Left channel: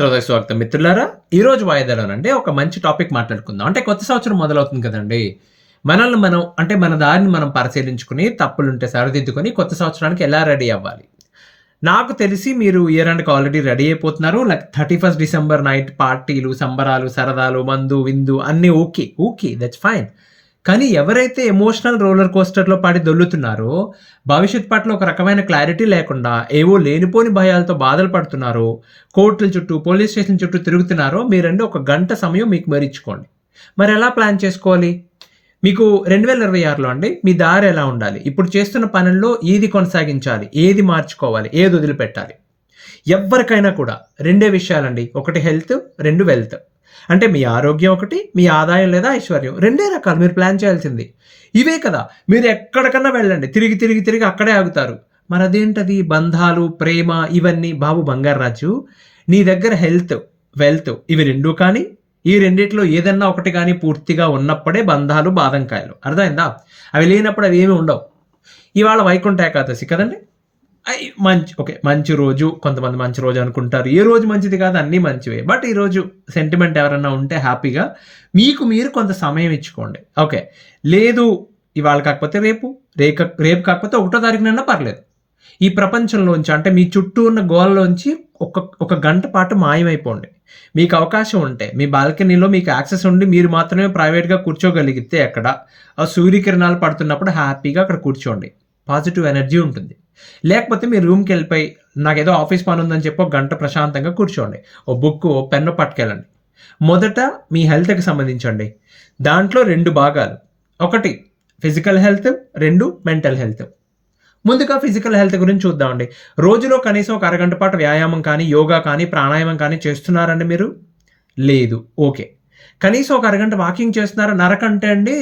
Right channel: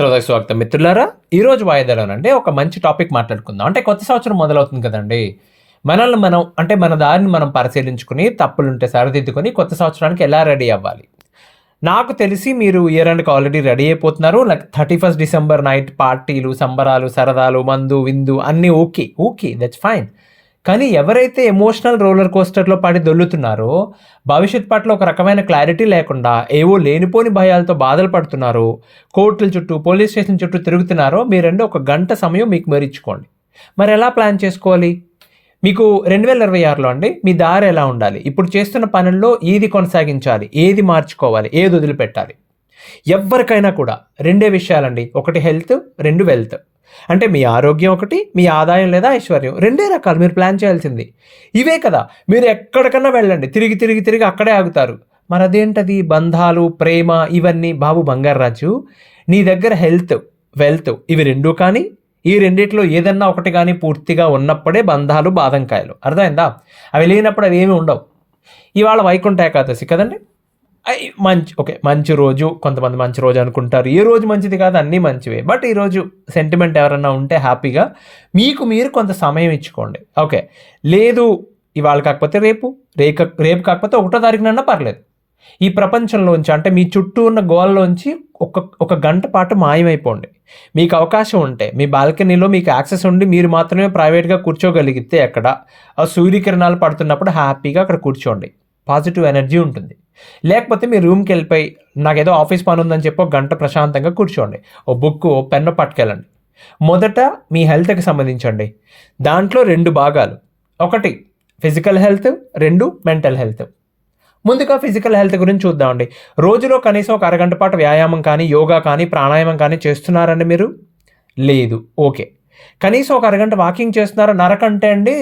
శ్రోతలకు స్వాగతం మిత్రులారా. ఈరోజు వాయిదాలోనంటే ఒక మంచి టాపిక్ మాట్లాడుకుందాం. అంటే కొత్త సంవత్సరం మొదలవుతుంది కదండీ! మనల్ని మనం అంటే మన దారిని మనం పరిశీలించుకొని, తప్పులుంటే సరిదిద్దుకొని కొత్త సంవత్సరానికి ఎలా రెడీ అవ్వాలి? నాకు తెలిసి మీరు ఇయర్ ఎండ్‌కి ఆల్రెడీ రెడీ అయిపోతున్నారు. లైక్ 31 డిసెంబర్ నైట్ పార్టీలు, సంబరాలు, సరదాలు, మందు, విందు అన్నీ ఓకే. ఓకే. That's fine. కానీ ఎవరైతే ఎమోషనల్ రోలర్ కోస్టర్‌లో పడి దొర్లుతున్నారో, భవిష్యత్ పట్ల ఒక రకమైన క్లారిటీ లేకుండా, ఏవో లేనిపోని భయాలతో బాధలు పడుతున్నారో, కోర్టుల చుట్టూ, పోలీస్ స్టేషన్ చుట్టూ తిరుగుతున్నారో, మీరండి ఒక గంట సమయం మీకు మరిచ్చుకోండి. మరెలా ప్లాన్ చేసుకోవాలి? మీకు 2026లో అండి మీ దారి ఎలా ఉండాలి? ఇప్పుడు చేస్తున్న పనుల్లో ఏది కొనసాగించాలి? ఏది మార్చుకోవాలి? ఏది వదిలిపెట్టాలి? ఎవ్వరికైనా కూడా రెండే విషయాలండి. ఒకటి హెల్త్, 2 వెల్త్. అంటే మీ ఆరోగ్యం ఒకటి, మీ ఆదాయం లేదా ఐశ్వర్యం. రెండే రకాలు మీరు ప్లాన్ చేయాల్సింది. ఇవే కదా! మీరు ఎక్కడికన్నా వెళ్ళండి. తిరిగి, తిరిగి, తిరిగి అక్కడే ఆగుతారు. మరదేంటది బంధాలు, ప్రేమ ఇవన్నీ బాబు బంగారాజు, నీ దగ్గర హెల్త్, వెల్త్ ఇవి 2 కానీ, ఈ రెండిట్లో ఏదన్నా ఒకటి గాని పూర్తిగా ఉన్నప్పుడే బంధాలు బాదంకాయలు. అర్థమైందా? అవి లేనప్పుడు అవేమీ ఉండవు. ఇవాళ వైకుంఠ ఏకాదశి కదండీ! మంచి రోజు. కొంతమంది మంచి రోజు అనుకుంటారు. ఏ రోజు మంచిది కాదు, అన్నీ మంచివే. బట్ ఈరోజు సెంటిమెంట్ ఎవరన్నా ఉంటే హ్యాపీగా మీకు మీరు కొంత సమయం ఇచ్చుకోండి. ఓకే. లేదు ఇవాళ కాకపోతే రేపు, రేపు కాకపోతే 1 తారీఖునన్నా పర్లేదు. ఈ ప్రపంచంలోంచి అంటే మీ చుట్టూ ఉన్న గోలలోంచి ఒక గంట పాటు మాయమైపోండి. మీకు అవకాశం ఉంటే మీ బాల్కనీలో మీకు యాక్సెస్ ఉండి మీరు మాత్రమే ప్రైవేట్‌గా కూర్చోగలిగితే ఎక్కడ, ఆ సూర్యకిరణాలు పడుతున్నప్పుడు హ్యాపీగా అక్కడ కూర్చోండి. పాజిటివ్ ఎనర్జీ ఉంటుంది. లేకపోతే మీ రూమ్‌కెళ్ళిపోయి నాకేదో ఆఫీస్ పని ఉందని చెప్పి ఒక గంట ప్రశాంతంగా కూర్చోండి. ఓ బుక్కు, ఓ పెన్ను పట్టుకెళ్ళండి. మొదట మీ హెల్త్‌కి సంబంధించండి. దాంట్లో 2 భాగాలు. ఒకటి ఫిజికల్ హెల్త్, 2 మెంటల్ హెల్త్. ముందుగా ఫిజికల్ హెల్త్ గురించి చూద్దామండి. రోజులో కనీసం ఒక అరగంట పాటు వ్యాయామం కానీ, యోగా కానీ, ప్రాణాయామం కానీ చేస్తున్నారండి మీరు? లేదు. ఓకే. కనీసం ఒక అరగంట వాకింగ్ చేస్తున్నారా? నరకంటే అండి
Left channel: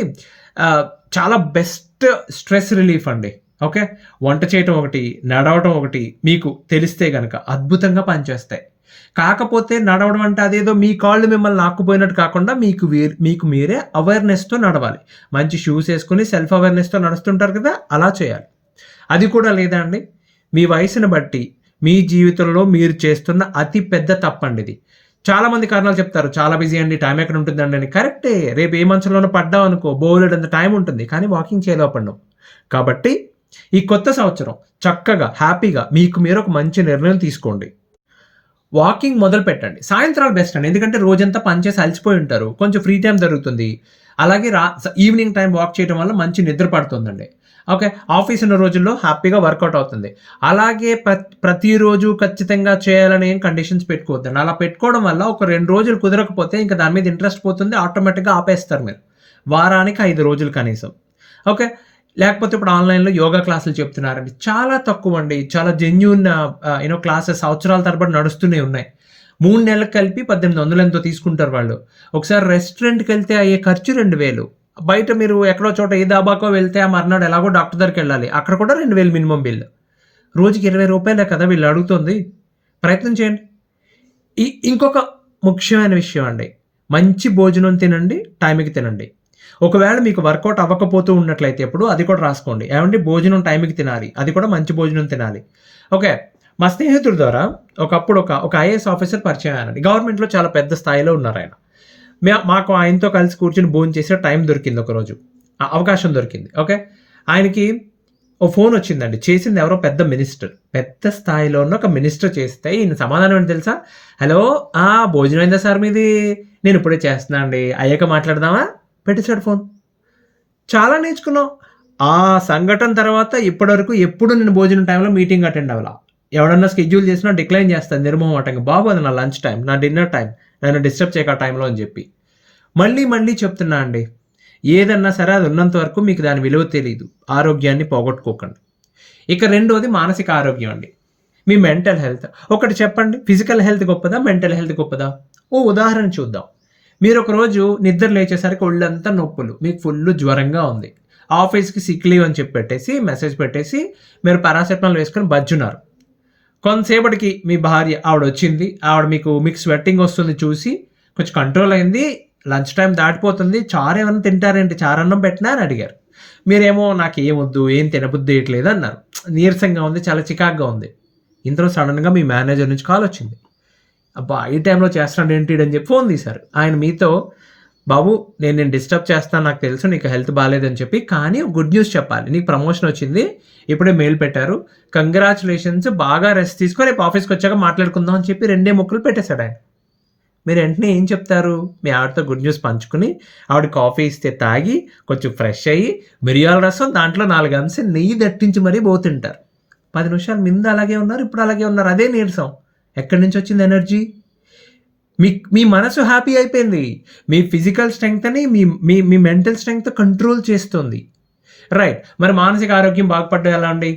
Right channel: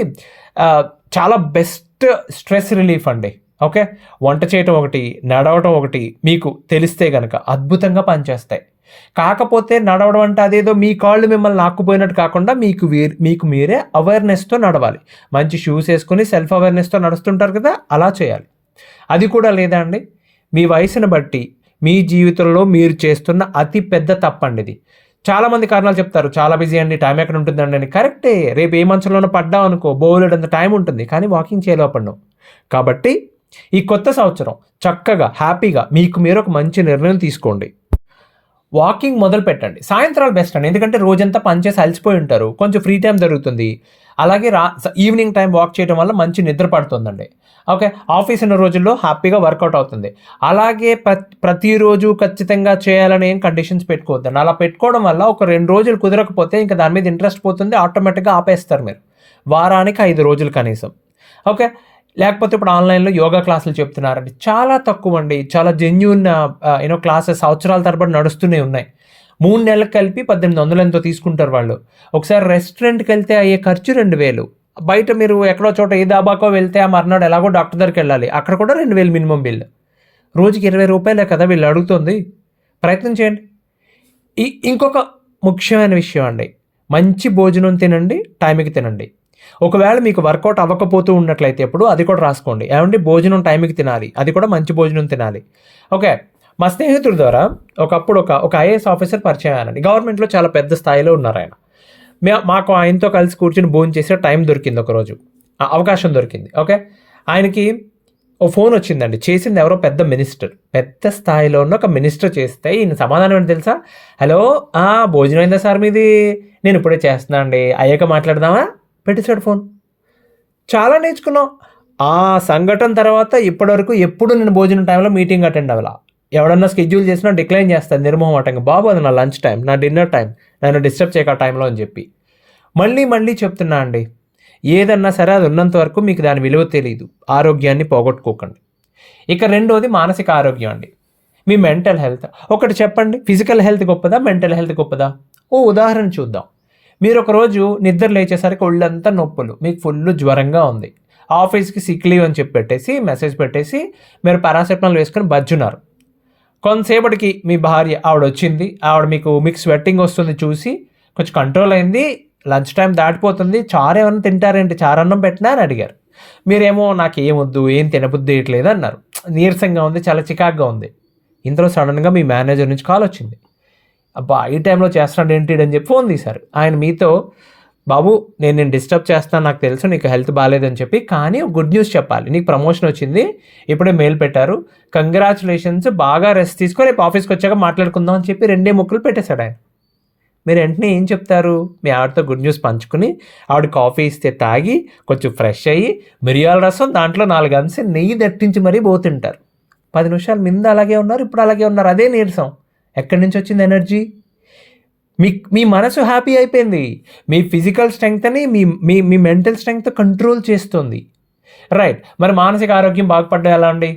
చాలా బెస్ట్ స్ట్రెస్ రిలీఫ్ అండి. ఓకే. వంట చేయటం ఒకటి, నడవటం ఒకటి మీకు తెలిస్తే గనక అద్భుతంగా పనిచేస్తాయి. కాకపోతే నడవడం అంటే అదేదో మీ కాళ్ళు మిమ్మల్ని లాక్కుపోయినట్టు కాకుండా మీకు మీరే అవేర్‌నెస్‌తో నడవాలి. మంచి షూస్ ఏసుకొని సెల్ఫ్ అవేర్‌నెస్‌తో నడుస్తుంటారు కదా! అలా చేయాలి. అది కూడా లేదా అండి? మీ వయసుని బట్టి మీ జీవితంలో మీరు చేస్తున్న అతి పెద్ద తప్పండిది. చాలామంది కారణాలు చెప్తారు. చాలా బిజీ అండి, టైం ఎక్కడ ఉంటుందండి అని. కరెక్టే. రేపు ఏ మంచంలోనో పడ్డామనుకో బోలెడంత టైం ఉంటుంది. కానీ వాకింగ్ చేయలేకపోతున్నాం. కాబట్టి ఈ కొత్త సంవత్సరం చక్కగా, హ్యాపీగా మీకు మీరు ఒక మంచి నిర్ణయం తీసుకోండి. వాకింగ్ మొదలుపెట్టండి. సాయంత్రాలు బెస్ట్ అండి. ఎందుకంటే రోజంతా పని చేసి అలసిపోయి ఉంటారు. కొంచెం ఫ్రీ టైమ్ దొరుకుతుంది. అలాగే ఈవినింగ్ టైం వాక్ చేయడం వల్ల మంచి నిద్ర పడుతుందండి. ఓకే. ఆఫీస్ ఉన్న రోజుల్లో హ్యాపీగా వర్కౌట్ అవుతుంది. అలాగే ప్రతిరోజు ఖచ్చితంగా చేయాలని ఏం కండిషన్స్ పెట్టుకోవద్దండి. అలా పెట్టుకోవడం వల్ల ఒక 2 రోజులు కుదరకపోతే ఇంక దాని మీద ఇంట్రెస్ట్ పోతుంది. ఆటోమేటిక్‌గా ఆపేస్తారు మీరు. వారానికి 5 రోజులు కనీసం. ఓకే. లేకపోతే ఇప్పుడు ఆన్‌లైన్‌లో యోగా క్లాసులు చెప్తున్నారండి. చాలా తక్కువండి. చాలా జెన్యూన్ క్లాసెస్ సంవత్సరాల తరబడి నడుస్తూనే ఉన్నాయి. 3 నెలలకు కలిపి 1800 ఎంతో తీసుకుంటారు వాళ్ళు. ఒకసారి రెస్టారెంట్‌కెళ్తే అయ్యే ఖర్చు 2000. బయట మీరు ఎక్కడో చోట ఏ దాబాకో వెళ్తే ఆ మర్నాడు ఎలాగో డాక్టర్ దగ్గరికెళ్ళాలి. అక్కడ కూడా 2000 మినిమమ్ బిల్. రోజుకి రూ. 20 కదా వీళ్ళు అడుగుతుంది. ప్రయత్నం చేయండి. ఇంకొక ముఖ్యమైన విషయం అండి. మంచి భోజనం తినండి, టైంకి తినండి. ఒకవేళ మీకు వర్కౌట్ అవ్వకపోతూ ఉన్నట్లయితే ఎప్పుడు అది కూడా రాసుకోండి. ఏవండీ భోజనం టైంకి తినాలి. అది కూడా మంచి భోజనం తినాలి. ఓకే. మా స్నేహితుడి ద్వారా ఒకప్పుడు ఒక ఐఏఎస్ ఆఫీసర్ పరిచయం అయ్యారండి. గవర్నమెంట్‌లో చాలా పెద్ద స్థాయిలో ఉన్నారాయన. మాకు ఆయనతో కలిసి కూర్చొని భోంచేసే టైం దొరికింది ఒకరోజు. అవకాశం దొరికింది. ఓకే. ఆయనకి ఓ ఫోన్ వచ్చిందండి. చేసింది ఎవరో పెద్ద మినిస్టర్. పెద్ద స్థాయిలో ఉన్న ఒక మినిస్టర్ చేస్తే ఈయన సమాధానం ఏంటో తెలుసా? హలో! భోజనం అయిందా సార్ మీది? నేను ఇప్పుడే చేస్తున్నా అండి. అయ్యాక మాట్లాడదామా? పెట్టేసాడు ఫోన్. చాలా నేర్చుకున్నాం. ఆ సంఘటన తర్వాత ఇప్పటివరకు ఎప్పుడు నేను భోజనం టైంలో మీటింగ్ అటెండ్ అవ్వలా. ఎవడన్నా స్కెడ్యూల్ చేసినా డిక్లైన్ చేస్తాను నిర్మోహమాటంగా. బాబు అది నా లంచ్ టైం, నా డిన్నర్ టైం. నన్ను డిస్టర్బ్ చేయకు ఆ టైంలో అని చెప్పి. మళ్ళీ చెప్తున్నా అండి. ఏదన్నా సరే అది ఉన్నంత వరకు మీకు దాని విలువ తెలీదు. ఆరోగ్యాన్ని పోగొట్టుకోకండి. ఇక రెండోది మానసిక ఆరోగ్యం అండి. మీ మెంటల్ హెల్త్. ఒకటి చెప్పండి, ఫిజికల్ హెల్త్ గొప్పదా? మెంటల్ హెల్త్ గొప్పదా? ఓ ఉదాహరణ చూద్దాం. మీరు ఒకరోజు నిద్ర లేచేసరికి ఒళ్ళంతా నొప్పులు, మీకు ఫుల్లు జ్వరంగా ఉంది. ఆఫీస్‌కి సిక్ లీవ్ అని చెప్పి మెసేజ్ పెట్టేసి మీరు పారాసెటమాల్ వేసుకొని బజ్జున్నారు. కొంతసేపటికి మీ భార్య ఆవిడొచ్చింది. ఆవిడ మీకు స్వెట్టింగ్ వస్తుంది చూసి కొంచెం కంట్రోల్ అయింది. లంచ్ టైం దాటిపోతుంది. చారు ఏమన్నా తింటారేంటి? చారన్నం పెట్టినా అని అడిగారు. మీరేమో నాకేమొద్దు, ఏం తినబుద్ధి వేయట్లేదు అన్నారు. నీరసంగా ఉంది, చాలా చికాకుగా ఉంది. ఇంతలో సడన్‌గా మీ మేనేజర్ నుంచి కాల్ వచ్చింది. అబ్బా ఈ టైంలో చేస్తున్నాడు ఏంటి అని చెప్పి ఫోన్ తీశారు. ఆయన మీతో బాబు నేను డిస్టర్బ్ చేస్తాను నాకు తెలుసు నీకు హెల్త్ బాగాలేదని చెప్పి, కానీ గుడ్ న్యూస్ చెప్పాలి, నీకు ప్రమోషన్ వచ్చింది, ఇప్పుడే మెయిల్ పెట్టారు, కంగ్రాచులేషన్స్, బాగా రెస్ట్ తీసుకో, రేపు ఆఫీస్కి వచ్చాక మాట్లాడుకుందాం అని చెప్పి 2 ముక్కలు పెట్టేశాడు ఆయన. మీరు వెంటనే ఏం చెప్తారు? మీ ఆవిడతో గుడ్ న్యూస్ పంచుకుని ఆవిడ కాఫీ ఇస్తే తాగి కొంచెం ఫ్రెష్ అయ్యి మిరియాల రసం దాంట్లో 4 అంశం నెయ్యి దట్టించి మరీ పోతుంటారు. 10 నిమిషాలు ముందు అలాగే ఉన్నారు, ఇప్పుడు అలాగే ఉన్నారు. అదే నీరసం. ఎక్కడి నుంచి వచ్చింది ఎనర్జీ? మీ మనసు హ్యాపీ అయిపోయింది. మీ ఫిజికల్ స్ట్రెంగ్త్ని మీ మీ మీ మెంటల్ స్ట్రెంగ్త్ కంట్రోల్ చేస్తుంది. రైట్. మరి మానసిక ఆరోగ్యం బాగుపడ్డా ఎలా అండి?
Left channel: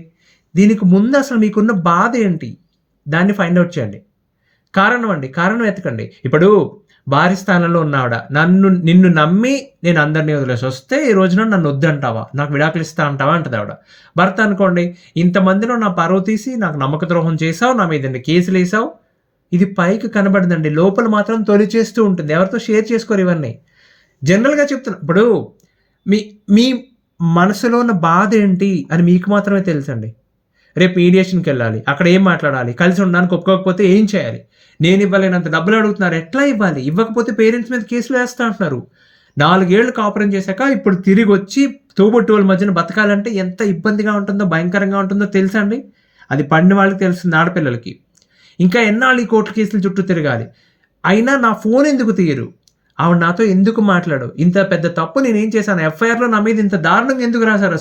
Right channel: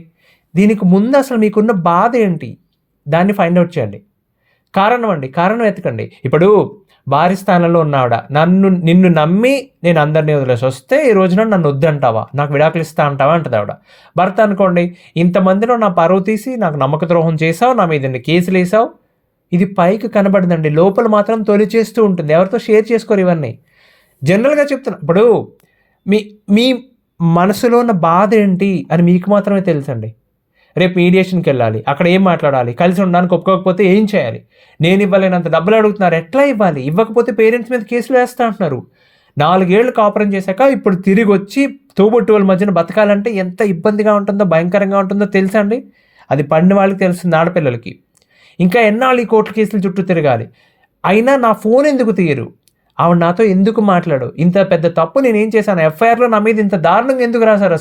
దీనికి ముందు అసలు మీకున్న బాధ ఏంటి దాన్ని ఫైండ్ అవుట్ చేయండి. కారణం ఎతకండి. ఇప్పుడు భార్య స్థానంలో ఉన్నావిడ నిన్ను నమ్మి నేను అందరినీ వదిలేసి వస్తే ఈ రోజున నన్ను వద్దంటావా, నాకు విడాకులు ఇస్తా అంటావా అంటది ఆవిడ. భర్త అనుకోండి, ఇంతమందిలో నా పరువు తీసి నాకు నమ్మక ద్రోహం చేసావు, నా మీద కేసులు వేసావు. ఇది పైకి కనబడదండి, లోపల మాత్రం తొలి చేస్తూ ఉంటుంది. ఎవరితో షేర్ చేసుకోరు ఇవన్నీ. జనరల్గా చెప్తున్నా, ఇప్పుడు మీ మీ మనసులో ఉన్న బాధ ఏంటి అని మీకు మాత్రమే తెలుసండి. రేపు మీడియేషన్కి వెళ్ళాలి, అక్కడ ఏం మాట్లాడాలి, కలిసి ఉండడానికి ఒప్పుకోకపోతే ఏం చేయాలి, నేను ఇవ్వలేనంత డబ్బులు అడుగుతున్నారు, ఎట్లా ఇవ్వాలి, ఇవ్వకపోతే పేరెంట్స్ మీద కేసులు వేస్తా అంటున్నారు. 4 ఏళ్ళు కాపురం చేశాక ఇప్పుడు తిరిగి వచ్చి తోబుట్టువుల మధ్యన బతకాలంటే ఎంత ఇబ్బందిగా ఉంటుందో, భయంకరంగా ఉంటుందో తెలుసా అండి? అది పడిన వాళ్ళకి తెలుస్తుంది, ఆడపిల్లలకి. ఇంకా ఎన్నాళ్ళు ఈ కోర్టు కేసుల చుట్టూ తిరగాలి? అయినా నా ఫోన్ ఎందుకు తీయరు, ఆవిడ నాతో ఎందుకు మాట్లాడు, ఇంత పెద్ద తప్పు నేనేం చేశాను, ఎఫ్ఐఆర్లో నా మీద ఇంత దారుణంగా ఎందుకు రాశారు,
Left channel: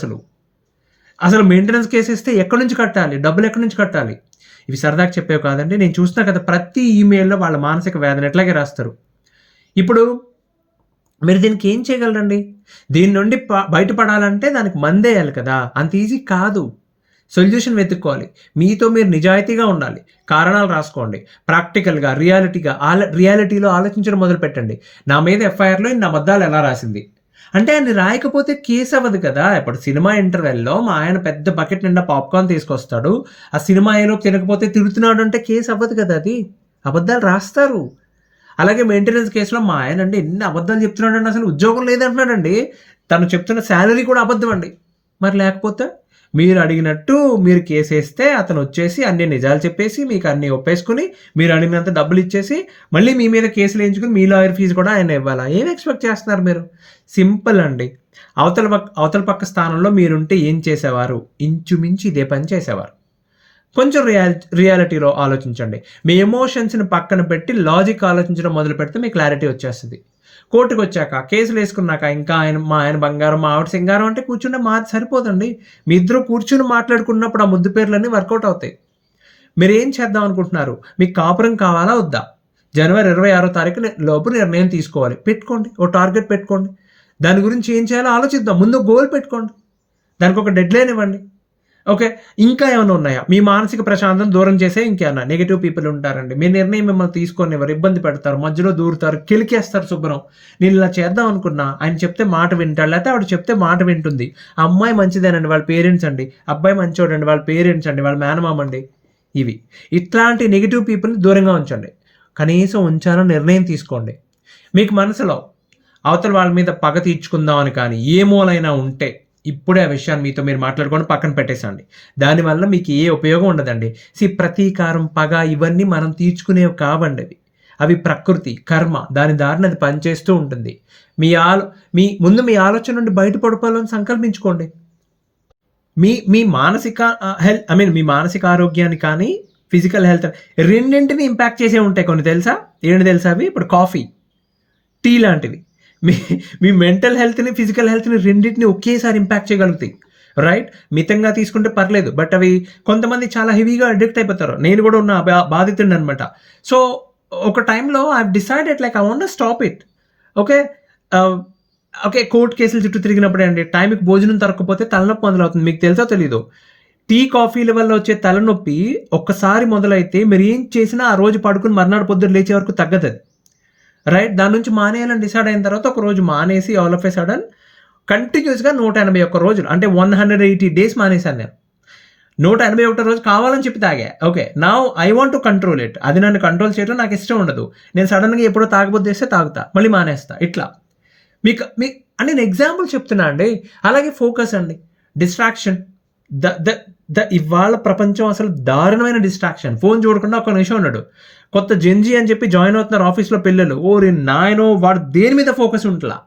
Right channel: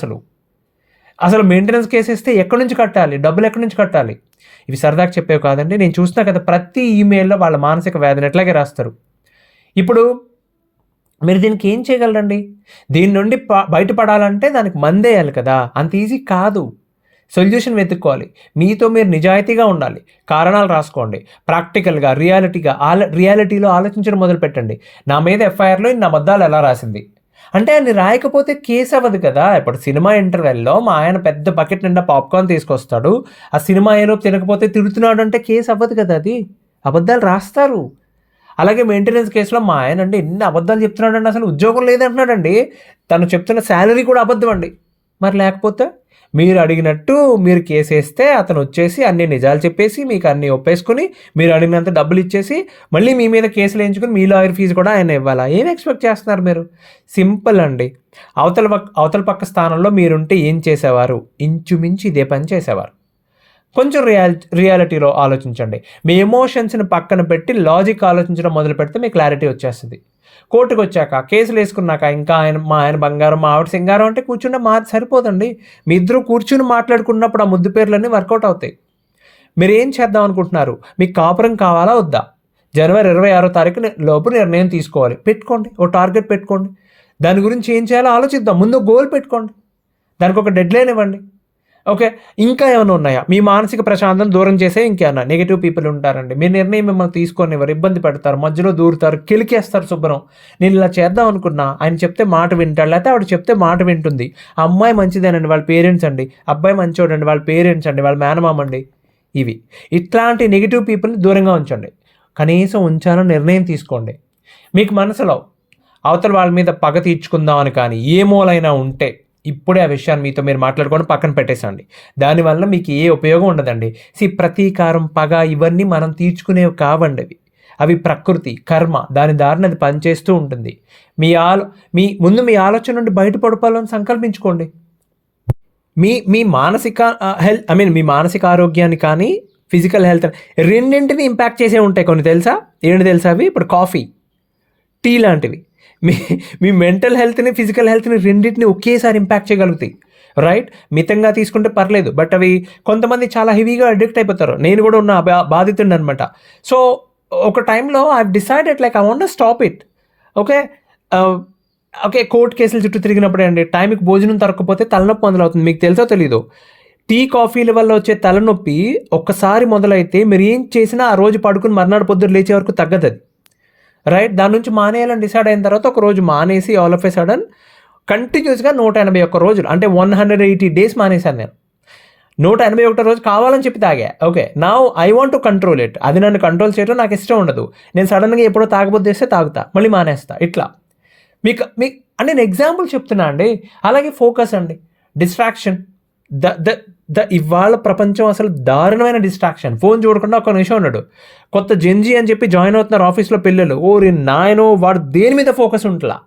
అసలు మెయింటెనెన్స్ కేసు ఇస్తే ఎక్కడి నుంచి కట్టాలి, డబ్బులు ఎక్కడి నుంచి కట్టాలి? ఇవి సరదాగా చెప్పేవి కాదండి. నేను చూస్తున్నా కదా, ప్రతి ఈమెయిల్లో వాళ్ళ మానసిక వ్యాధిని ఎట్లాగే రాస్తారు. ఇప్పుడు మీరు దీనికి ఏం చేయగలరండి? దీని నుండి బయటపడాలంటే దానికి మందేయాలి కదా, అంత ఈజీ కాదు. సొల్యూషన్ వెతుక్కోవాలి. మీతో మీరు నిజాయితీగా ఉండాలి. కారణాలు రాసుకోండి. ప్రాక్టికల్గా రియాలిటీలో ఆలోచించడం మొదలు పెట్టండి. నా మీద ఎఫ్ఐఆర్లో ఇన్ని అబద్ధాలు ఎలా రాసింది అంటే, ఆయన రాయకపోతే కేసు అవ్వదు కదా. ఇప్పుడు సినిమా ఇంటర్వెల్లో మా ఆయన పెద్ద బకెట్ నిండా పాప్కార్న్ తీసుకొస్తాడు, ఆ సినిమా ఏలో తినకపోతే తిడుతున్నాడు అంటే కేసు అవ్వదు కదా. అది అబద్ధాలు రాస్తారు. అలాగే మెయింటెనెన్స్ కేసులో మా ఆయన అండి ఎన్ని అబద్ధాలు చెప్తున్నాడండి, అసలు ఉద్యోగం లేదంటున్నాడండి, తను చెప్తున్న శాలరీ కూడా అబద్ధం అండి. మరి లేకపోతే మీరు అడిగినట్టు మీరు కేసు వేస్తే అతను వచ్చేసి అన్ని నిజాలు చెప్పేసి మీకు అన్నీ ఒప్పేసుకుని మీరు అడిగినంత డబ్బులు ఇచ్చేసి మళ్ళీ మీ మీద కేసులు వేయించుకుని మీ లాయర్ ఫీజు కూడా ఆయన ఇవ్వాలా? ఏం ఎక్స్పెక్ట్ చేస్తున్నారు మీరు? సింపుల్ అండి. అవతల పక్క స్థానంలో మీరుంటే ఏం చేసేవారు? ఇంచుమించి ఇదే పని చేసేవారు. కొంచెం రియాలిటీలో ఆలోచించండి. మీ ఎమోషన్స్ని పక్కన పెట్టి లాజిక్ ఆలోచించడం మొదలు పెడితే మీకు క్లారిటీ వచ్చేస్తుంది. కోర్టుకు వచ్చాక కేసులు వేసుకున్నాక ఇంకా మా ఆయన బంగారం, మా ఆవిడ సింగారం అంటే కూర్చుంటే సరిపోదండి. మీ ఇద్దరు కూర్చుని మాట్లాడుకున్నప్పుడు ఆ ముద్దు పేర్లన్నీ వర్కౌట్ అవుతాయి. మీరు ఏం చేద్దాం అనుకుంటున్నారు? మీకు కాపురం కావాలా వద్దా? జనవరి 26వ తారీఖు లోపు నిర్ణయం తీసుకోవాలి. పెట్టుకోండి, ఓ టార్గెట్ పెట్టుకోండి. దాని గురించి ఏం చేయాలో ఆలోచిద్దాం. ముందు గోల్ పెట్టుకోండి, దానికి ఒక డెడ్ లైన్ ఇవ్వండి. ఓకే, ఇంకా ఏమైనా ఉన్నాయా? మీ మానసిక ప్రశాంతం దూరం చేసే ఇంకేమన్నా నెగిటివ్ పీపుల్ ఉంటారండి. మీ నిర్ణయం మిమ్మల్ని తీసుకొని ఎవరు ఇబ్బంది పెడతారు, మధ్యలో దూరుతారు, కిలికేస్తారు శుభ్రం. నేను ఇలా చేద్దాం అనుకున్నా, ఆయన చెప్తే మాట వింటాడు, లేకపోతే ఆవిడ చెప్తే మాట వింటుంది. అమ్మాయి మంచిదేనండి, వాళ్ళ పేరెంట్స్ అండి, అబ్బాయి మంచోడండి, వాళ్ళ పేరెంట్స్ అండి, వాళ్ళ మేనమామ అండి. ఇట్లాంటి నెగిటివ్ పీపుల్ని దూరంగా ఉంచండి. కనీసం ఉంచాలని నిర్ణయం తీసుకోండి. మీకు మనసులో అవతల వాళ్ళ మీద పగ తీర్చుకుందాం అని కానీ ఏ మూలైనా ఉంటే ఇప్పుడే ఆ విషయాన్ని మీతో మీరు మాట్లాడుకొని పక్కన పెట్టేసండి. దానివల్ల మీకు ఏ ఉపయోగం ఉండదండి. ప్రతీకారం, పగ ఇవన్నీ మనం తీర్చుకునేవి కావండి. అవి ప్రకృతి, కర్మ, దాని దారిని అది పనిచేస్తూ ఉంటుంది. ముందు మీ ఆలోచన నుండి బయటపడిపోవాలని సంకల్పించుకోండి. మీ మానసిక మీ మానసిక ఆరోగ్యాన్ని కానీ ఫిజికల్ హెల్త్ రెండింటిని ఇంపాక్ట్ చేసే ఉంటాయి కొన్ని. ఏంటి తెలుసా అవి? ఇప్పుడు కాఫీ, టీ లాంటివి మీ మెంటల్ హెల్త్ని, ఫిజికల్ హెల్త్ని రెండింటిని ఒకేసారి ఇంపాక్ట్ చేయగలుగుతాయి. రైట్? మితంగా తీసుకుంటే పర్లేదు, బట్ అవి కొంతమంది చాలా హెవీగా అడిక్ట్ అయిపోతారు. నేను కూడా ఉన్న బాధితుడిని అనమాట. సో ఒక టైంలో I decided I want to stop it. Okay, court కేసులు చుట్టూ తిరిగినప్పుడు అండి టైంకి భోజనం తరగకపోతే తలనొప్పి మొదలవుతుంది. మీకు తెలుసో తెలీదు, టీ కాఫీల వల్ల వచ్చే తలనొప్పి ఒక్కసారి మొదలైతే మీరు ఏం చేసినా ఆ రోజు పడుకుని మర్నాడు పొద్దున్న లేచే వరకు తగ్గదు అది. రైట్? దాని నుంచి మానేయాలని డిసైడ్ అయిన తర్వాత ఒక రోజు మానేసి ఆల్ ఆఫ్ ఏ సడన్ కంటిన్యూస్గా 181 రోజులు అంటే 180 డేస్ మానేశాను నేను. 181 రోజు కావాలని చెప్పి తాగా. Okay, now I want to control it. అది నన్ను కంట్రోల్ చేయడం నాకు ఇష్టం ఉండదు. నేను సడన్గా ఎప్పుడో తాగబోద్దు చేస్తే తాగుతా, మళ్ళీ మానేస్తా. ఇట్లా మీకు నేను ఎగ్జాంపుల్ చెప్తున్నా అండి. అలాగే ఫోకస్ అండి, డిస్ట్రాక్షన్. ద ద ద ఇవాళ ప్రపంచం అసలు దారుణమైన డిస్ట్రాక్షన్. ఫోన్ చూడకుండా ఒక నిమిషం ఉన్నాడు. కొత్త జెన్జీ అని చెప్పి జాయిన్ అవుతున్నారు ఆఫీస్లో పిల్లలు. ఓరి నాయనో, వాడు దేని మీద ఫోకస్ ఉంటలా,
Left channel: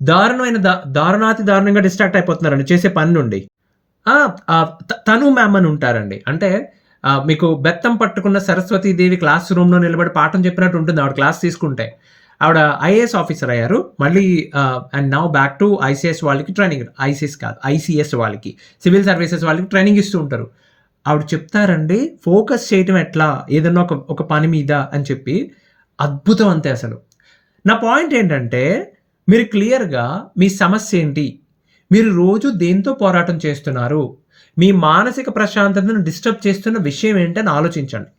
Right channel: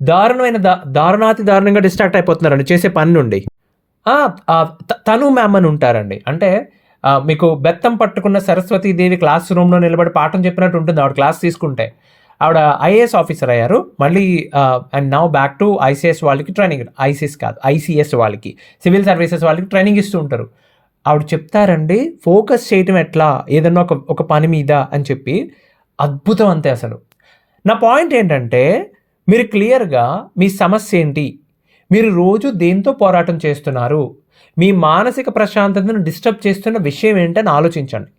దారుణమైన దారుణాతి దారుణంగా డిస్ట్రాక్ట్ అయిపోతున్నారండి చేసే పని నుండి. తను మ్యామ్ అని ఉంటారండి. అంటే మీకు బెత్తం పట్టుకున్న సరస్వతీదేవి క్లాస్ రూమ్లో నిలబడి పాఠం చెప్పినట్టు ఉంటుంది ఆవిడ క్లాస్ తీసుకుంటే. ఆవిడ ఐఏఎస్ ఆఫీసర్ అయ్యారు మళ్ళీ. And now back to ICS వాళ్ళకి ట్రైనింగ్, ఐసీఎస్ కాదు ఐసీఎస్ వాళ్ళకి, సివిల్ సర్వీసెస్ వాళ్ళకి ట్రైనింగ్ ఇస్తూ ఉంటారు. ఆవిడ చెప్తారండి ఫోకస్ చేయటం ఎట్లా ఏదన్నా ఒక పని మీద అని చెప్పి. అద్భుతం అంతే అసలు. నా పాయింట్ ఏంటంటే, మీరు క్లియర్గా మీ సమస్య ఏంటి, మీరు రోజు దేంతో పోరాటం చేస్తున్నారు, మీ మానసిక ప్రశాంతతను డిస్టర్బ్ చేస్తున్న విషయం ఏంటని ఆలోచించండి.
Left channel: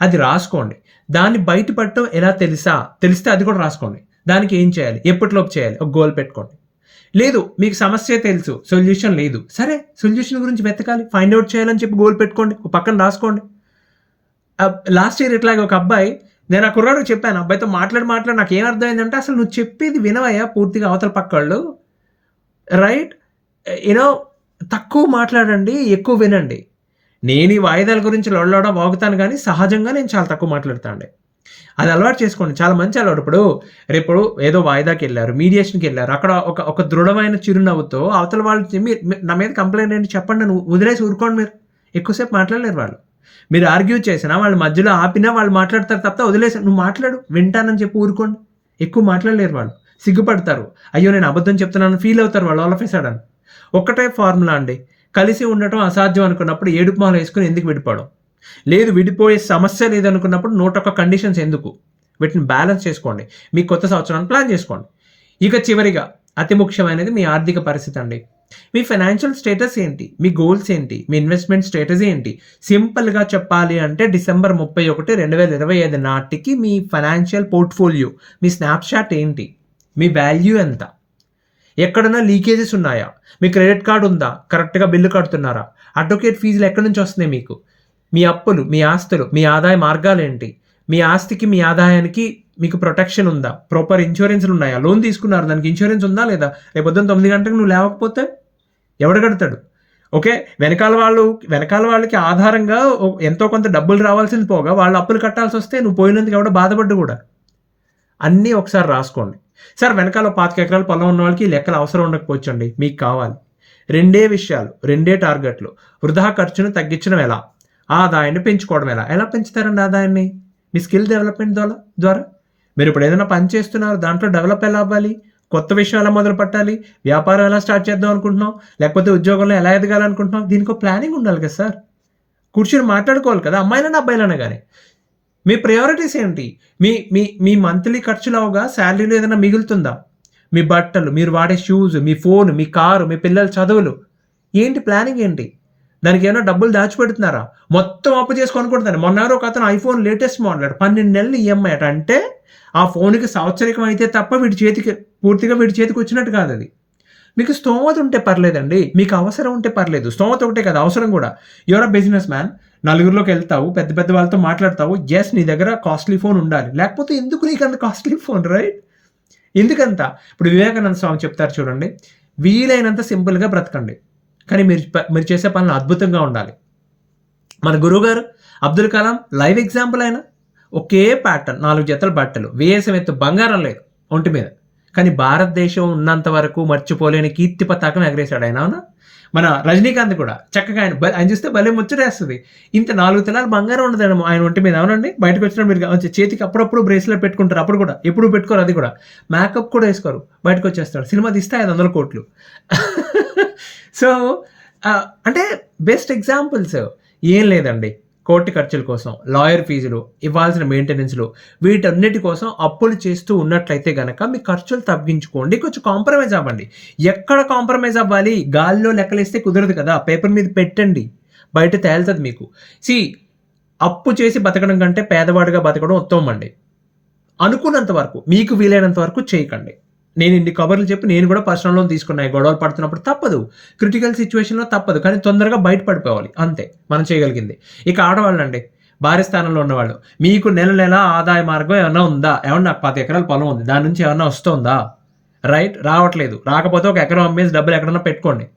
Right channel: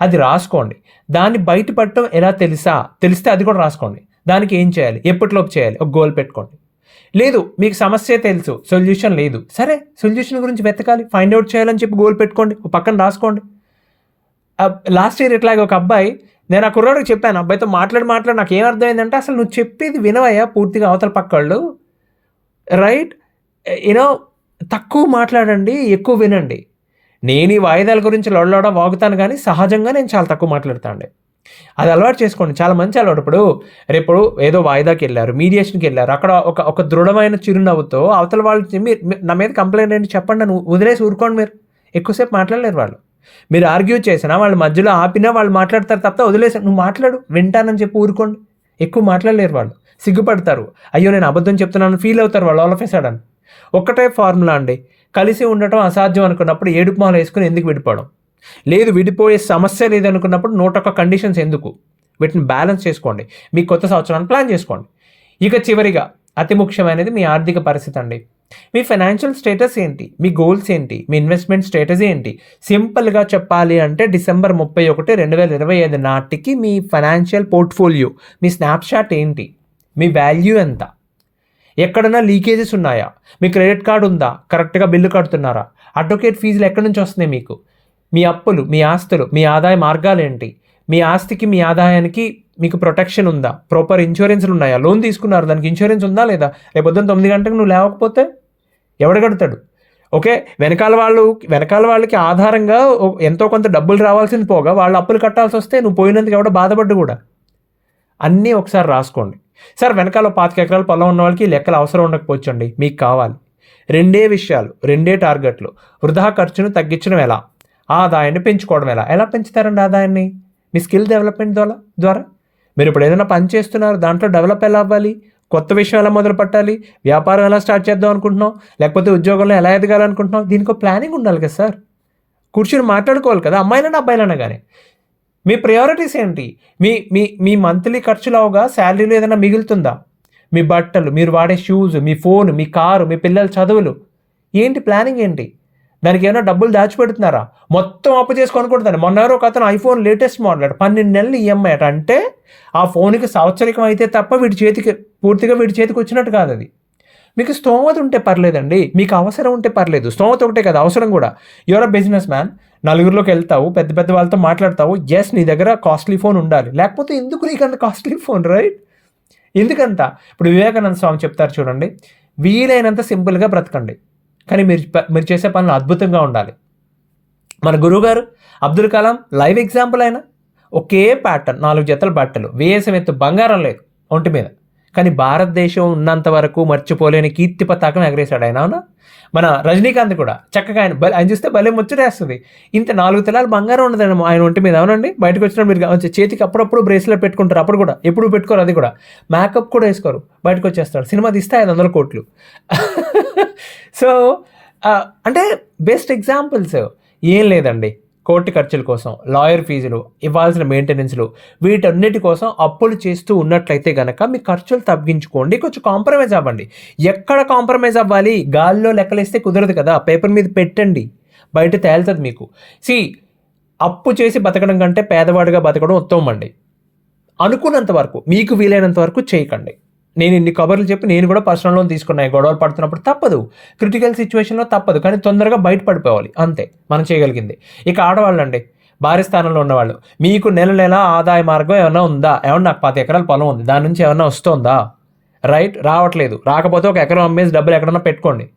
అది రాసుకోండి. దాన్ని బయటపడటం ఎలా తెలిస్తే అది కూడా రాసుకోండి. దానికి ఏం చేయాలి, ఎప్పటిలోపు చేయాలి, ఒక గోల్ పెట్టుకోండి. లేదు మీకు సమస్య తెలుసు, సొల్యూషన్ లేదు, సరే సొల్యూషన్ గురించి వెతకాలి, ఫైండ్ అవుట్ చేయాలని చెప్పి గోల్ పెట్టుకోండి, ఒక పక్కన రాసుకోండి. లాస్ట్ ఇయర్ ఇట్లాగే ఒక అబ్బాయి, నేను ఆ కుర్రాడికి చెప్పాను, అబ్బాయితో మాట్లాడి నాకు ఏం అర్థమైందంటే, అసలు నువ్వు చెప్పేది వినవయ్యా పూర్తిగా అవతల పక్కళ్ళు, రైట్, యూనో తక్కువ మాట్లాడండి, ఎక్కువ వినండి. నేను ఈ వాయిదాల గురించి లొడలోడ వాగుతాను కానీ సహజంగా నేను చాలా తక్కువ మాట్లాడుతాండి. అది అలవాటు చేసుకోండి, చాలా మంచి అలవాటు. రేపు ఏదో వాయిదాకి వెళ్ళారు, మీడియేషన్కి వెళ్ళారు, అక్కడ ఒక దృఢమైన చిరునవ్వుతో అవతల వాళ్ళు మీరు నా మీద కంప్లైంట్ ఏంటి చెప్పండి, నన్ను వదిలేసి ఊరుకోండి. మీరు ఎక్కువసేపు మాట్లాడలేరు వాళ్ళు. మీరు ఆర్గ్యూ చేసినా వాళ్ళ మధ్యలో ఆపినా వాళ్ళు మాట్లాడతారు తప్ప వదిలేసి నువ్వు మాట్లాడు వింటానని చెప్పి ఊరుకోండి. ఎక్కువ మాట్లాడలేరు వాళ్ళు, సిగ్గుపడతారు, అయ్యో నేను అబద్ధం చెప్తున్నాను ఫీల్ అవుతారు వాళ్ళు ఆల్ ఆఫ్ ఎ సడన్. ఒక్కటే ఫార్ములా అండి, కలిసి ఉండటం అసాధ్యం అనుకున్నప్పుడు ఏడుపు మాల వేసుకుని ఎందుకు విడిపోవడం, లేదు విడిపోయే సమస్య లేదు అనుకున్నప్పుడు 101 కండిషన్స్ ఎందుకు, వీటిని బ్యాలెన్స్ చేసుకోండి. మీ కొత్త సంవత్సరాన్ని ప్లాన్ చేసుకోండి. ఇక చివరిగా అతి ముఖ్యమైనది మీ ఆర్థిక పరిస్థితి అండి. మీ ఫైనాన్షియల్ స్టేటస్ ఏంటి, మీ గోల్స్ ఏంటి, మీ ఇన్వెస్ట్మెంట్ స్టేటస్ ఏంటి. సింపుల్గా చెప్పాలి అంటే December 31, 2025 నాటికి మీ ఫైనాన్షియల్ పోర్ట్ఫోలియో, మీ స్నాప్షాట్ ఏంటి, మీ వాల్యూ ఎంత, ఎక్కడన్నా లీకేజెస్ ఉన్నాయా, మీ క్రెడిట్ కార్డు ఉందా, కరెక్ట్గా బిల్లు కడుతున్నారా, అడ్వకేట్ ఫీజులు ఎక్కడి నుంచి వస్తున్నాయి మీకు, మీ అప్పులు, మీ ఆస్తులు, మీ ఆదాయ మార్గాలు ఏంటి, మీ ఆస్తికి మీ ఆదాయానికి మీకు ప్రొటెక్షన్ ఉందా, ప్రాపర్ ఇన్సూరెన్స్లు ఉన్నాయా, లోన్ తీసుకున్నారు దానికి ఇన్సూరెన్స్ ఉందా లేదా, రేపు పొద్దున్న 9 గంటలకు నువ్వు లేవకపోతే ఎవడు కడతాడు. ఓకే, వెనకాల వాళ్ళకి ఆధారంగా ఎంతో కొంత డబ్బులు రావాల్సింది పోగా వాళ్ళు అప్పులు కట్టాల్సి వస్తే నువ్వు పోయినందుకు ఎవడో బాధపడ్డు కూడా. అన్నీ ఒకసారి రాసుకోండి. సార్ వెనకాల 25 ఎకరాల పొలం ఉన్న వాళ్ళకి లెక్కలు అవసరం ఉండకపోవచ్చండి, మీకు కావాలి 2 విషయాలు, 2 టార్గెట్లు. వృధా ఖర్చును తగ్గించడం ఎలా, ఆదాయాన్ని పెంచుకోవడం ఎలా పెంచుతారండి ఆదాయాన్ని, మీ స్కిల్ డెవలప్మెంట్ ద్వారా. మీరు ఇప్పుడు ఏదైనా పని చేస్తున్నారు, దాంట్లో డెవలప్ ఎలా అవ్వాలి, కొత్త విషయం ఎలా మొదలు పెట్టాలి, వ్యాపారం ఎలా స్టార్ట్ చేద్దాం అనుకుంటున్నాం, లేకపోతే ఉద్యోగంలో ఎలా ఎదగాలనుకుంటున్నాం, దీనికి ప్లానింగ్ ఉండాలి కదా సార్. కూర్చొని మాట్లాడుకోవాలి కదా, అమ్మాయిలైనా అబ్బాయిలైనా కానీ. మీ ప్రయారిటీస్ ఏంటి, మీ మంత్లీ ఖర్చులు అవగా శాలరీలో ఏదైనా మిగులుతుందా, మీ బట్టలు, మీరు వాడే షూస్, మీ ఫోన్, మీ కారు, మీ పిల్లల చదువులు ఏంటి, ప్లానింగ్ ఏంటి, దానికి ఏమైనా డబ్బులు దాచిపెడుతున్నారా, మొత్తం అప్పు చేసి కొనుక్కుంటున్నాను. మొన్న ఒక అతను ఐఫోన్ లేటెస్ట్ మోడల్ 12 నెలలు ఈఎంఐ అంటే ఆ ఫోన్కి సంవత్సరికం అయితే తప్ప పూర్తిగా వీడి చేతికి వచ్చినట్టు కాదు అది. మీకు స్తోమత ఉంటే పర్లేదండి, మీకు అవసరం ఉంటే పర్లేదు. స్తోమత ఒకటే కదా, అవసరం కూడా. యువర్ అ బిజినెస్ మ్యాన్, నలుగురిలోకి వెళ్తావు, పెద్ద వాళ్ళతో మాట్లాడతావు, ఎస్ నీ దగ్గర కాస్ట్లీ ఫోన్ ఉండాలి, లేకపోతే ఎందుకు నీకు అంత కాస్ట్లీ ఫోన్, రైట్? ఎందుకంత? ఇప్పుడు వివేకానంద స్వామి చెప్తారు చూడండి, వీలైనంత సింపుల్గా బ్రతకండి, కానీ మీరు చేసే పనులు అద్భుతంగా ఉండాలి. మన గురువుగారు అబ్దుల్ కలాం లైవ్ ఎగ్జాంపుల్ అయినా, ఒకే ప్యాటర్న్, 4 జతల బట్టలు, వేసం ఎత్తు బంగారం లేదు ఒంటి మీద, కానీ భారతదేశం ఉన్నంత వరకు మర్చిపోలేని కీర్తి పతాకం ఎగరేశాడు ఆయన. అవునా? మన రజనీకాంత్ కూడా చక్కగా ఆయన చూస్తే భలే ముచ్చటేస్తుంది. ఇంత 4 తులాలు బంగారం ఉండదండి ఆయన ఒంటి మీద. అవునండి, బయటకు వచ్చిన మీరు చేతికి అప్పుడప్పుడు బ్రేస్లెట్ పెట్టుకుంటారు, అప్పుడు కూడా ఎప్పుడు పెట్టుకోరు, అది కూడా మేకప్ కూడా వేసుకోరు, బయటకు వచ్చేస్తాడు. సినిమా తీస్తే 500 కోట్లు. సో అంటే బెస్ట్ ఎగ్జాంపుల్స్. ఏం లేదండి, కోర్టు ఖర్చుల కోసం, లాయర్ ఫీజులు, ఇవ్వాల్సిన మెయింటెనెన్స్లు, వీటన్నిటి కోసం అప్పులు చేస్తూ ఉన్నట్లయితే కనుక మీ ఖర్చులు తగ్గించుకోండి, కొంచెం కాంప్రమైజ్ అవ్వండి. ఎక్కడ కాంప్రమైజ్ అవ్వాలి, గాలిలో లెక్కలేస్తే కుదరదు కదా, పేపర్ మీద పెట్టండి, బయట తేలుతుంది మీకు. అప్పు చేసి బతకడం కంటే పేదవాడిగా బతకడం ఉత్తమం అండి. అనుకున్నంత వరకు, మీకు వీలైనంత వరకు చేయకండి. నేను ఇన్ని కబర్లు చెప్పి నేను కూడా పర్సనల్ లోన్ తీసుకున్నాయి, గొడవలు పడుతున్నప్పుడు తప్పదు, క్రిటికల్ సిచ్యువేషన్లో తప్పదు, కానీ తొందరగా బయటపడిపోవాలి, అంతే మనం చేయగలిగింది. ఇక ఆడవాళ్ళండి, భార్య స్థానంలో ఉన్నవాళ్ళు, మీకు నెల ఆదాయ మార్గం ఏమైనా ఉందా, ఏమన్నా నాకు 10 ఎకరాల పొలం ఉంది, దాని నుంచి ఏమన్నా వస్తుందా, రైట్? రావట్లేదు, రాకపోతే ఒక ఎకరం అమ్మేసి డబ్బులు ఎక్కడన్నా పెట్టుకోండి.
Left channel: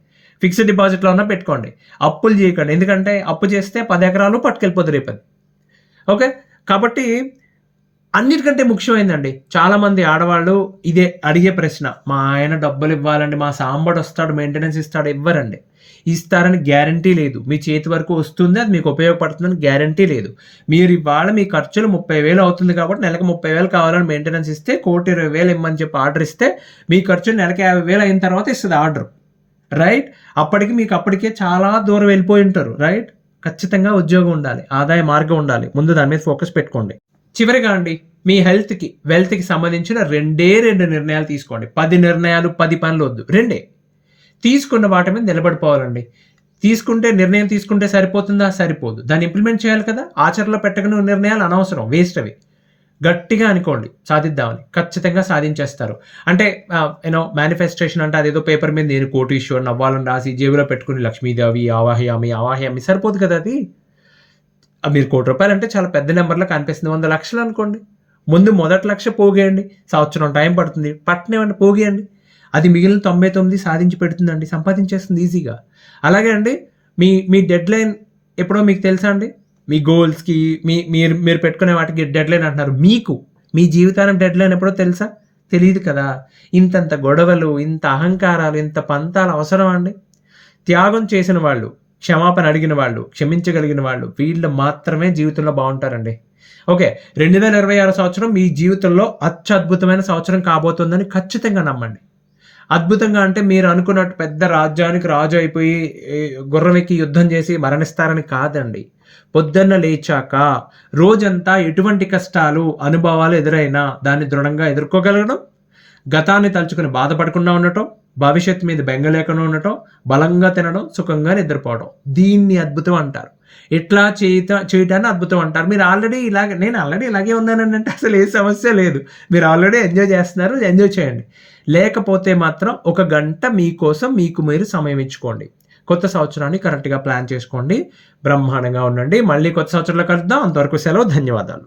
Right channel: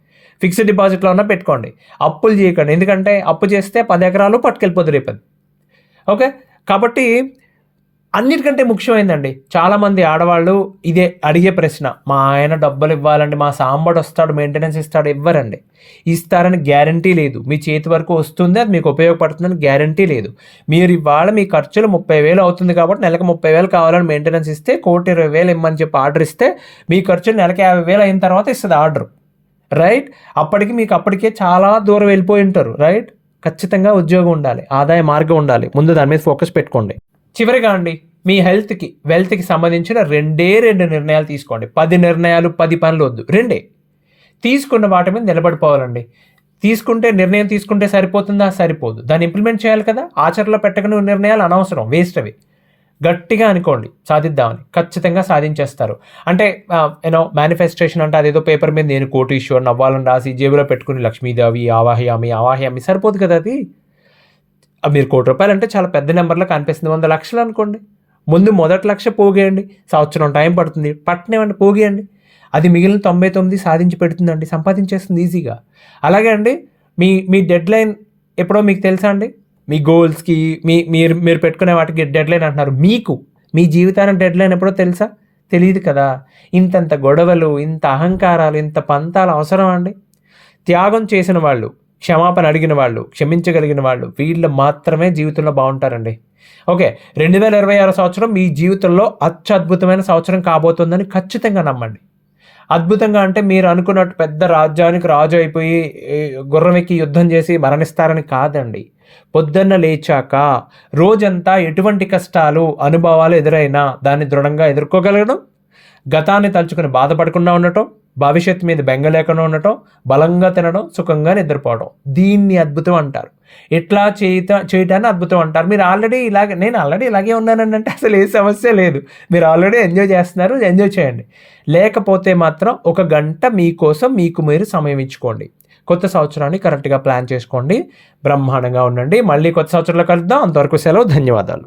ఫిక్స్డ్ డిపాజిట్లో ఉన్న పెట్టుకోండి. అప్పులు చేయకండి. ఎందుకంటే అప్పు చేస్తే 10 ఎకరాలు పట్టుకెళ్ళిపోద్ది రేపది. ఓకే. కాబట్టి అన్నిటికంటే ముఖ్యమైందండి. చాలామంది ఆడవాళ్ళు ఇదే అడిగే ప్రశ్న. మా ఆయన డబ్బులు ఇవ్వాలండి, మా సాంబడొస్తాడు మెయింటెనెన్స్ ఇస్తాడు. ఇవ్వరండి. ఇస్తారని గ్యారంటీ లేదు. మీ చేతి వరకు వస్తుంది, అది మీకు ఉపయోగపడుతుందని గ్యారంటీ లేదు. మీరు ఇవాళ మీ ఖర్చులు 30,000 అవుతుంది కాబట్టి నెలకు 30,000 కావాలని మెయింటెనెన్స్ ఇస్తే 1,20,000 ఇమ్మని చెప్పి ఆర్డర్ ఇస్తే మీ ఖర్చు నెలకి 50,000 అయిన తర్వాత ఇస్తది ఆర్డర్. రైట్? అప్పటికి మీకు అప్పటికే చాలా దూరం వెళ్ళిపోయి ఉంటారు. రైట్? ఖచ్చితంగా ఉద్యోగం ఉండాలి. ఆదాయ మార్గం ఉండాలి. ముందు దాని మీద ఫోకస్ పెట్టుకోండి. చివరిగా అండి, మీ హెల్త్‌కి, వెల్త్‌కి సంబంధించిన 2 నిర్ణయాలు తీసుకోండి. 10 నిర్ణయాలు, 10 పనులు వద్దు. 2 తీసుకున్న వాటి మీద నిలబడిపోవాలండి. నిర్ణయం తీసుకుంటే సరిపోతుందా? సరిపోదు. దాన్ని ఇంప్లిమెంట్ చేయాలి కదా! ఆచరణలో పెట్టకని నిర్ణయాలు అనవసరం, వేస్ట్ అవి. గట్టిగా అనుకోండి సాధిద్దామని. ఖచ్చితంగా సాధించేస్తారు. అంటే మేనిఫెస్టేషన్ అంటే అదేదో పేపర్ మీద నేను కోటీశ్వరుని అవ్వాలని రాసి జేబులో పెట్టుకుని లక్ష్మీదేవి ఆవాహయామి సరిపోదు కదా అది. మీరు ₹1,00,00,000 అంటే చాలా పెద్ద నెంబర్‌లా కనిపిస్తుంది. 100,00,000 అనుకోండి. ముందు మొదటి లక్ష పోగేయండి. సంవత్సరం టైం పడుతుంది. పట్టనివ్వండి, పోగేయండి. అది మిగిలిన 99 సాధించి పెడుతుందండి. సంపాదించేస్తుంది ఈజీగా. అలాగే అండి, మీ మీ డెడ్‌లైన్ ఎప్పుడో మీకు తెలుసా అండి? మీ గోల్స్‌కి మీరు పెట్టుకునే వాటికి డెడ్‌లైన్ అంటున్నారు. మీకు మీ జీవితానికి డెడ్‌లైన్ ఎప్పుడో తెలుసా? తెలీదు కదా! ఇంతంత గొడవలు, ఇంత అహంకారాలు, ఇంత పంతాలు అవసరమా అండి? త్యాగం చేసిన వాళ్ళు, క్షమాపణ అడిగిన వాళ్ళు, క్షమించగలిగిన వాళ్ళు, వీళ్ళు మాత్రమే జీవితంలో బావుంటారండి. ఓకే. 2026 సంవత్సరం మీ జీవితంలో అత్యద్భుతమైన సంవత్సరం కాబోతుందని ఖచ్చితంగా నమ్మండి. అద్భుతంగా అంటే మీరు అనుకున్నట్టు పెద్ద రాజ్యానికి రాజు అయిపోయి గుర్రం ఎక్కి యుద్ధం చేసి మరణిస్తారని కాదండి. పొద్దున్న లేచాక రోజంతా ఎటువంటి కష్టాలు, అనుభవాలు ఎదురైనా దాన్ని దృఢంగా ఎదుర్కోగలగడం, గతాన్ని తలుచుకుని బాధపడకుండా ఉండటం, భవిష్యత్తు మీద బెంగ లేకుండా ఉండటం, బలంగా తినడం, సుఖంగా నిద్రపోవడం. దీన్ని అద్భుతం అంటారు. ఇట్లా చేయటాన్ని అద్భుతం అంటారు. నేను ఆల్రెడీ ఇలాగే ఉన్నానండి అంటే అసలు ఏ సమస్య లేదు. మీరు ఆల్రెడీ ఎంజాయ్ చేస్తున్నారు, ఎంజాయ్ చేయండి. లేకపోతే మాత్రం ఒక గంట మీకోసం మీకు మీరు సమయం ఇచ్చుకోండి. కొత్త సంవత్సరాన్ని కరెక్ట్‌గా ప్లాన్ చేసుకోండి. బ్రహ్మాండంగా ఉండండి. మళ్ళీ కొత్త సంవత్సరంలో కలుద్దాం. అంతవరకు సెలవు. ధన్యవాదాలు.